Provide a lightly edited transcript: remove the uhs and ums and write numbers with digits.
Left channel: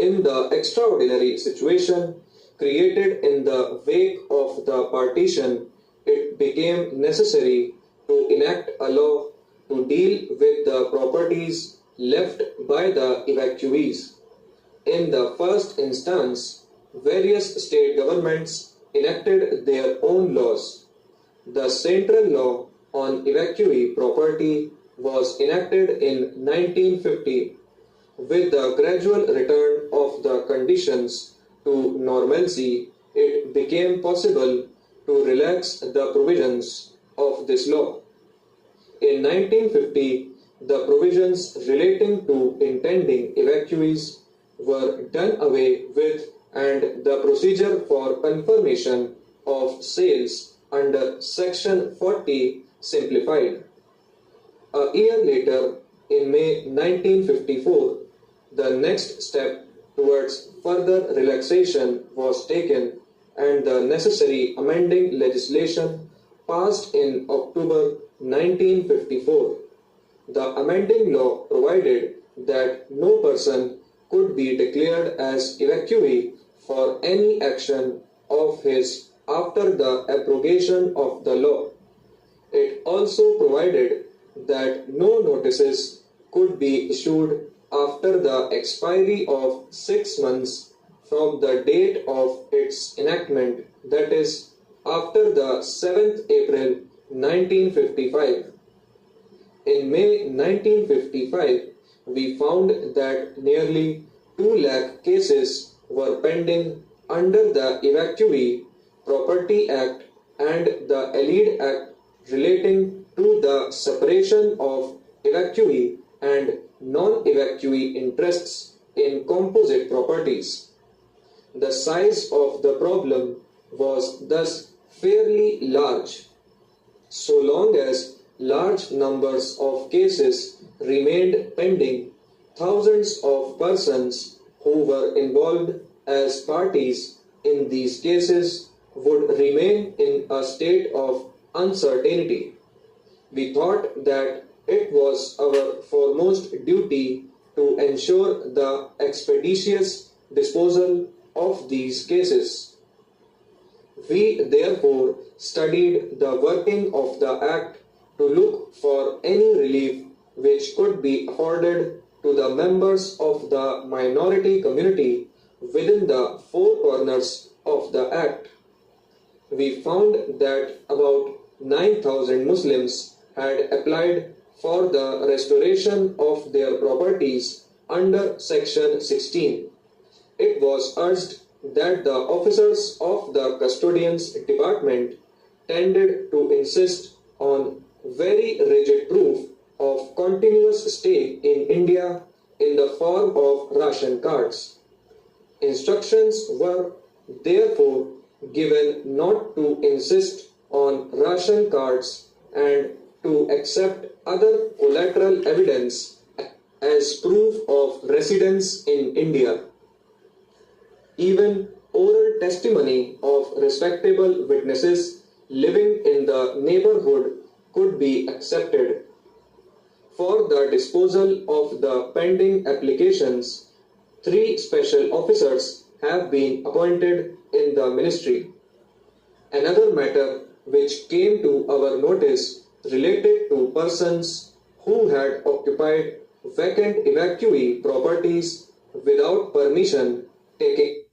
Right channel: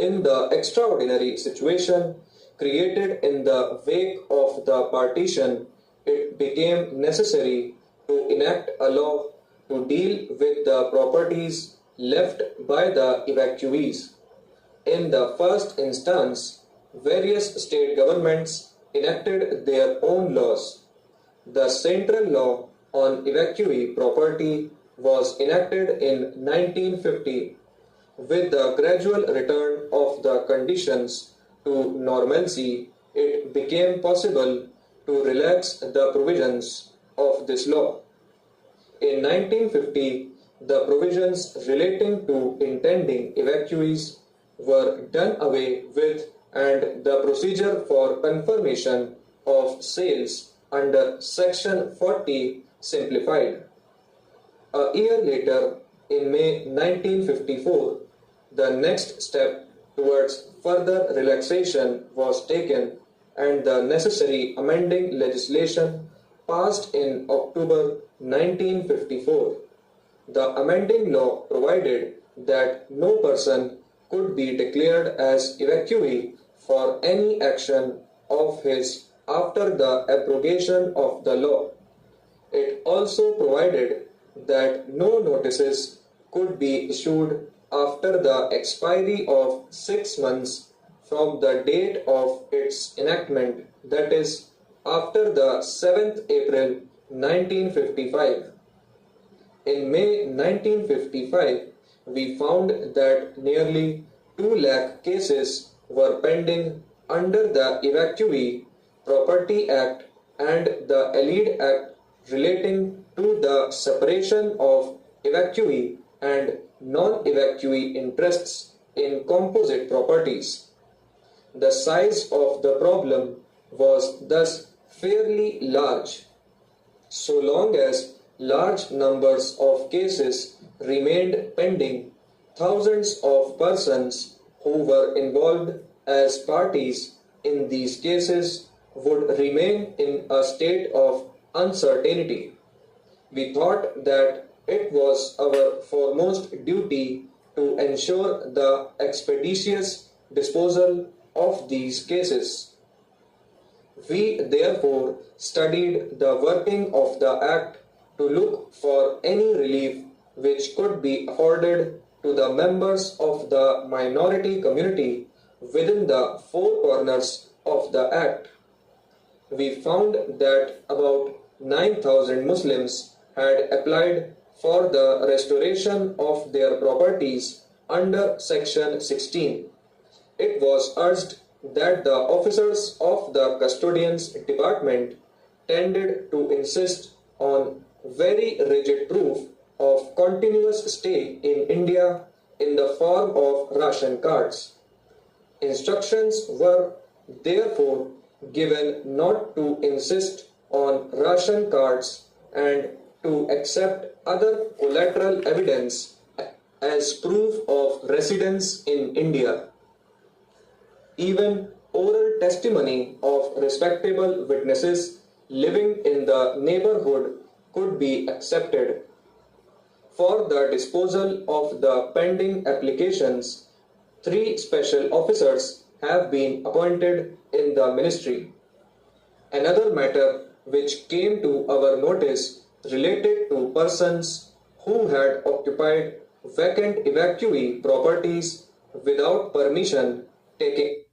In the extraordinary situation created in the wake of the partition, it became necessary to enact a law to deal with the properties left by the evacuees. In the first instance, various state governments enacted their own laws. The central law on evacuee property was enacted in 1950. With the gradual return of the conditions to normalcy, it became possible to relax the provisions of this law. In 1950, the provisions relating to intending evacuees were done away with and the procedure for confirmation of sales under Section 40 simplified. A year later, in May 1954, the next step towards further relaxation was taken and the necessary amending legislation passed in October 1954. The amending law provided that no person could be declared as evacuee for any action of his after the abrogation of the law. It also provided that no notices could be issued after the expiry of 6 months from the date of its enactment, that is, after the 7th April 1955. In May 1955, we found that nearly 2 lakh cases were pending under the Evacuee Property Act and the Allied Act relating to the separation of evacuee and non-evacuee interests in composite properties. The size of the problem was thus fairly large. So long as large numbers of cases remained pending, thousands of persons who were involved as parties in these cases would remain in a state of uncertainty. We thought that it was our foremost duty to ensure the expeditious disposal of these cases. We therefore studied the working of the Act to look for any relief which could be afforded to the members of the minority community within the 4 corners of the Act. We found that about 9,000 Muslims had applied for the restoration of their properties under Section 16. It was urged that the officers of the Custodians Department tended to insist on very rigid proof of continuous stay in India in the form of ration cards. Instructions were therefore given not to insist on ration cards and to accept other collateral evidence as proof of residence in India. Even oral testimony of respectable witnesses living in the neighborhood could be accepted. For the disposal of the pending applications, 3 special officers have been appointed in the ministry. Another matter which came to our notice related to persons who had occupied vacant evacuee properties without permission taking